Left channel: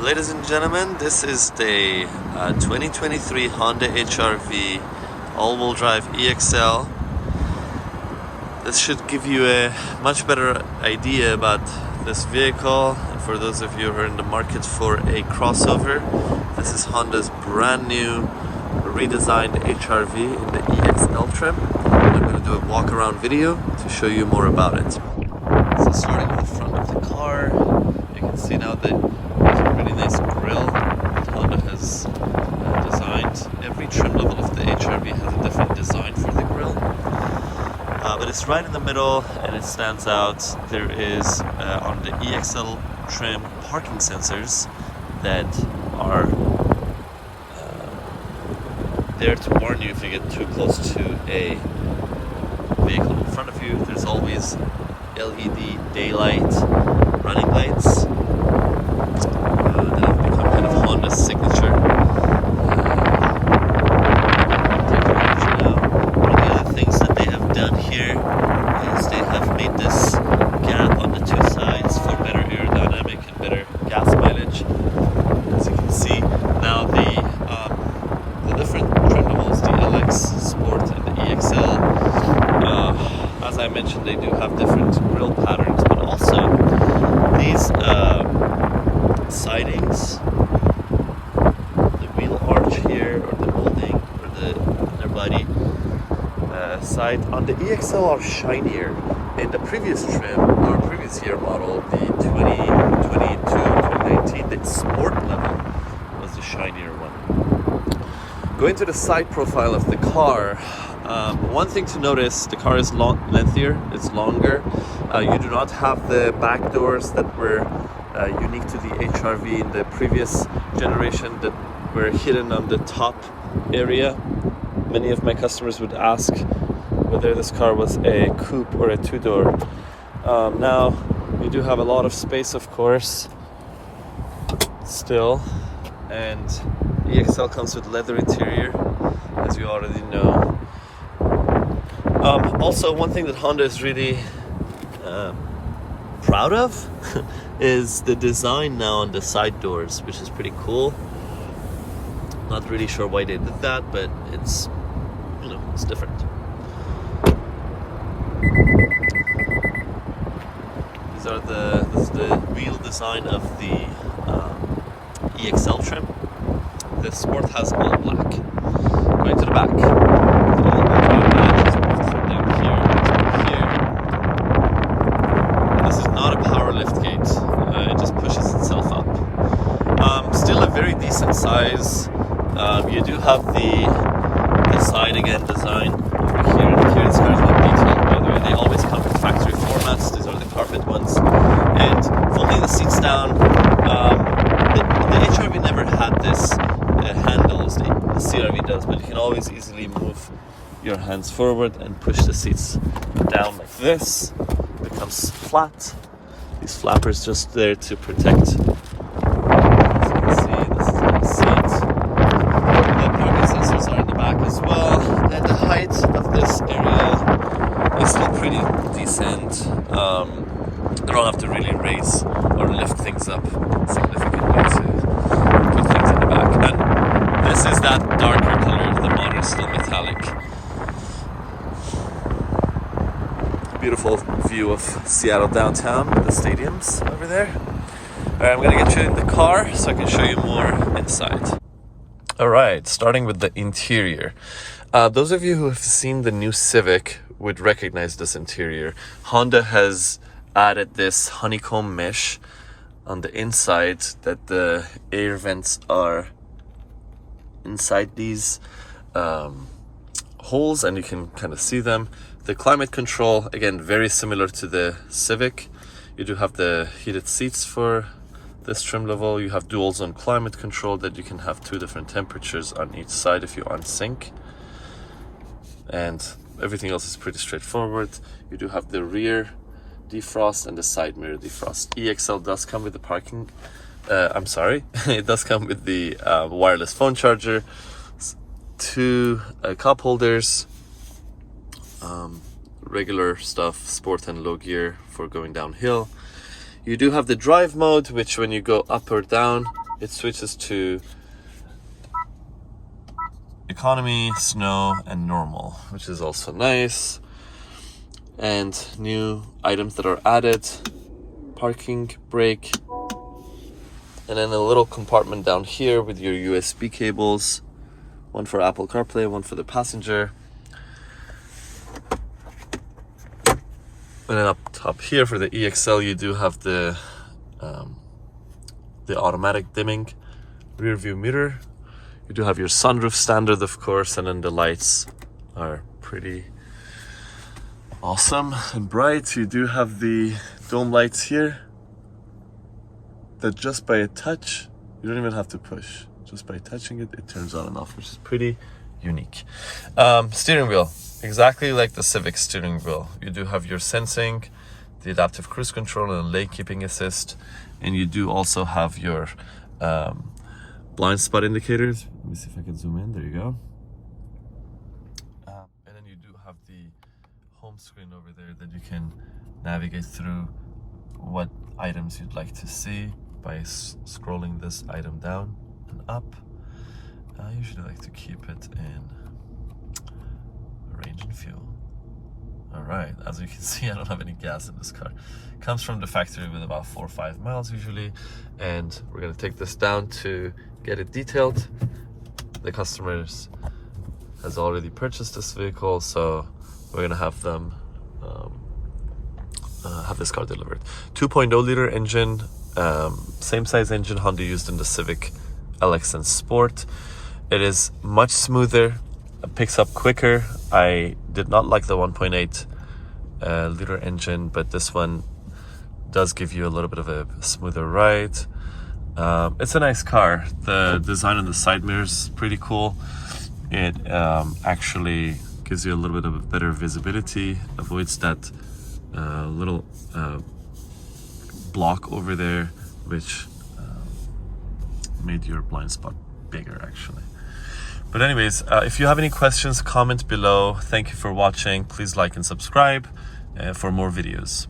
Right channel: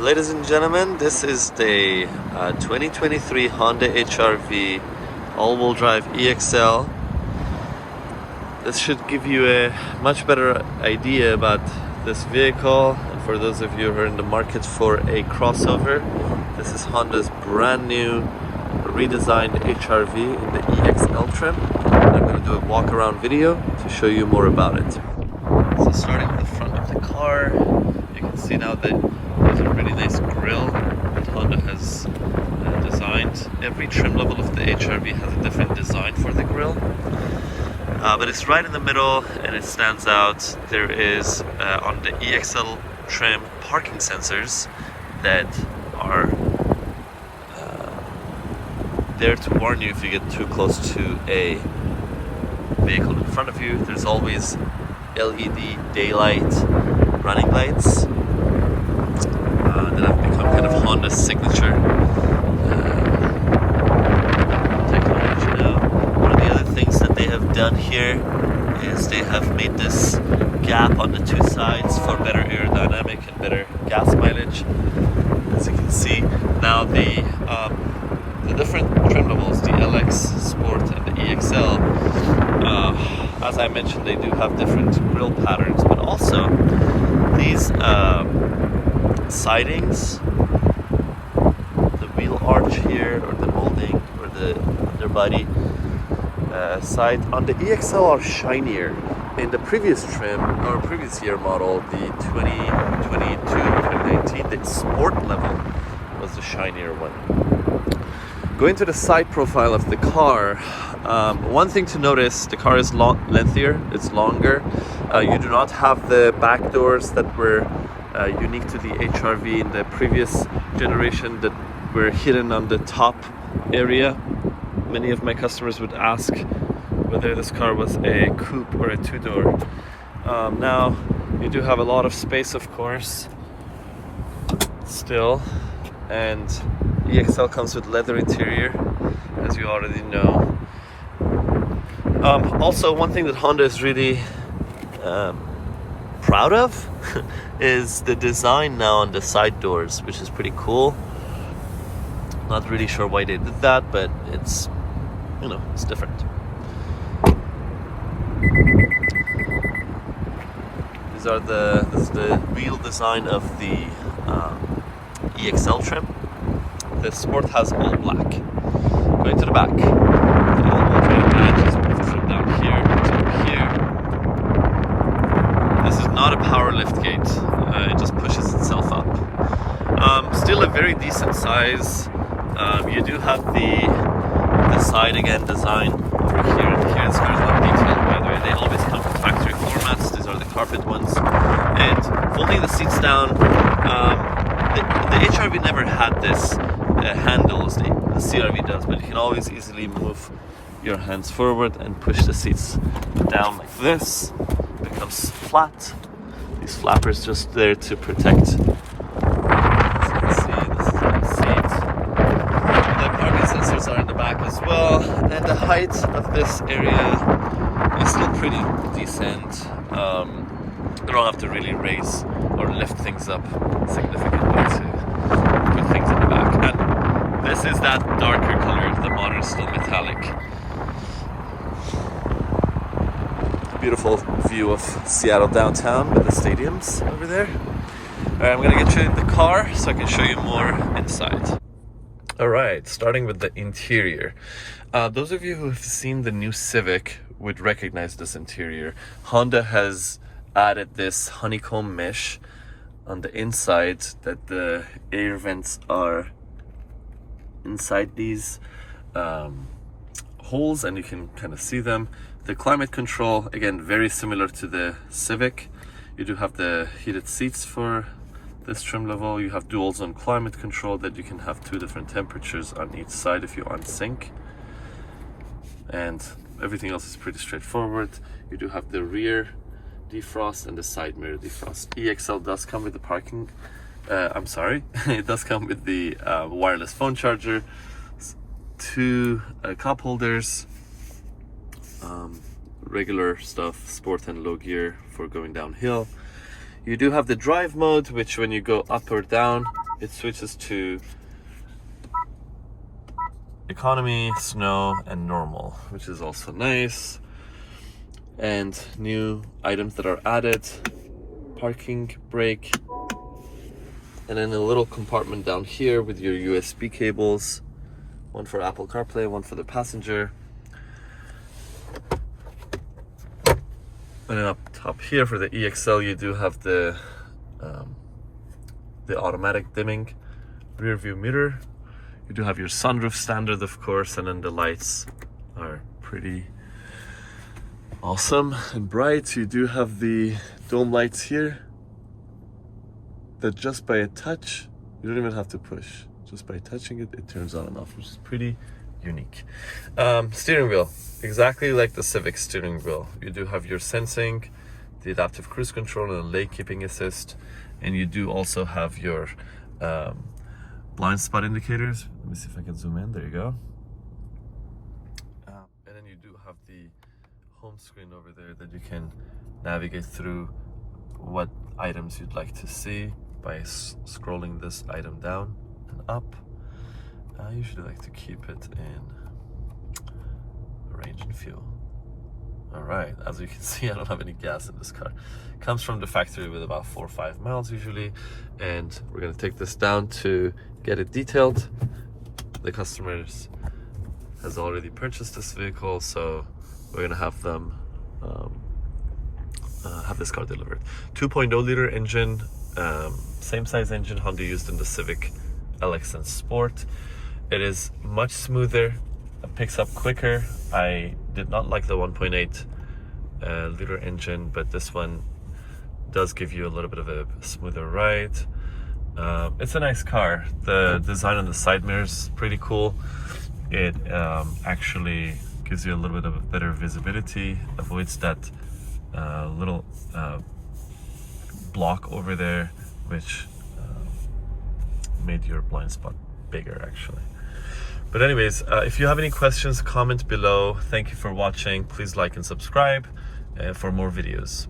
Ladies and gentlemen, this is the 2023 Honda HR-V all-wheel drive EX-L. This should give you a much better idea about this vehicle. And for those of you who are in the market for a crossover, this is Honda's brand new redesigned HR-V in the EX-L trim. I'm going to do a walk-around video to show you more about it. So starting with the front of the car, you can see now that there's a really nice grille that Honda has designed. Every trim level of the HR-V has a different design for the grille, but it's right in the middle and it stands out. There is on the EX-L trim parking sensors that are there to warn you if you get too close to a vehicle in front of you. There's always LED daylight running lights that have become kind of Honda's signature technology now. One of the other things that they have done here is they have made this gap on the two sides for better aerodynamic and better gas mileage. As you can see, now the different trim levels, the LX Sport and the EX-L, as I mentioned, they do have different grille patterns, but also these sidings, the wheel arch here, or the molding, or the underbody side on the EX-L are shinier. In the previous trim, or previous year model, the 2022-2019, the Sport level was the shinier one. Going to the side profile of the car, one thing to notice, the car is lengthier, it's longer. You do not have the back doors that were unique to the HR-V in the previous generation that were hidden on the top area. Many of my customers would ask whether this car was a coupe or a two-door. Now, you do have a lot of space, of course, still, and EX-L comes with leather interior, as you already know. Also, one thing that Honda is really proud of is the design now on the side doors, which is pretty cool. Not really sure why they did that, but it's, you know, it's different. This is the real design of the EX-L trim. The Sport has all black. Going to the back. This is not a power lift gate. It just pushes itself up. Still a very decent size. You do have the side again design over here. Here it's got a lot of detail. By the way, they always come with factory formats. These are the carpet ones. And folding the seats down, the HR-V never had this handles. The CR-V does, but you can always easily move your hands forward and push the seats down like this. It becomes flat. These flappers just there to protect. As you can see, this is the seat. The parking sensors are in the back as well. And the height of this area is still pretty decent. You don't have to really raise or lift things up significantly to put things in the back. And this is that darker color. The body is still metallic. Beautiful view of Seattle downtown with the stadiums over there. Alright, I'm gonna get you in the car so I can show you more inside. Alright, starting with the interior. Those of you who have seen the new Civic would recognize this interior. Honda has added this honeycomb mesh on the inside that the air vents are inside these holes, and you can kind of see them. The climate control, again, very similar to the Civic. You do have the heated seats for this trim level. You have dual zone climate control that you can have 2 different temperatures on each side if you unsync. And everything else is pretty straightforward. You do have the rear defrost and the side mirror defrost. EX-L does come with the parking, it does come with the wireless phone charger, 2 cup holders, regular stuff, sport and low gear for going downhill. You do have the drive mode, which when you go up or down, it switches to economy, snow, and normal, which is also nice. And new items that are added: parking brake, and then a little compartment down here with your USB cables, one for Apple CarPlay, one for the passenger. And then up top here for the EX-L, you do have the automatic dimming rear view mirror. You do have your sunroof standard, of course, and then the lights are pretty awesome and bright. You do have the dome lights here that just by a touch, you don't even have to push. Just by touching it, it turns on and off, which is pretty unique. Steering wheel, exactly like the Civic steering wheel. You do have your sensing, the adaptive cruise control, and lane keeping assist. And you do also have your blind spot indicators. Let me see if I can zoom in. There you go. And then you do have the home screen over there that you can navigate through what items you'd like to see by scrolling this item down and up. I usually like to keep it in range and fuel. All right, as you can see, I don't have any gas in this car. Comes from the factory with about 4 or 5 miles usually, and we're gonna take this down to get it detailed. The customers has already purchased this vehicle, so we're gonna have them have this car delivered. 2.0 liter engine, same size engine Honda used in the Civic LX and Sport. It is much smoother, it picks up quicker. I did not like the 1.8 liter engine, but this one does give you a little bit of a smoother ride. It's a nice car. The design on the side mirrors is pretty cool. It actually gives you a little bit of a better visibility, avoids that little block over there, which made your blind spot bigger actually. But anyways, if you have any questions, comment below. Thank you for watching. Please like and subscribe for more videos.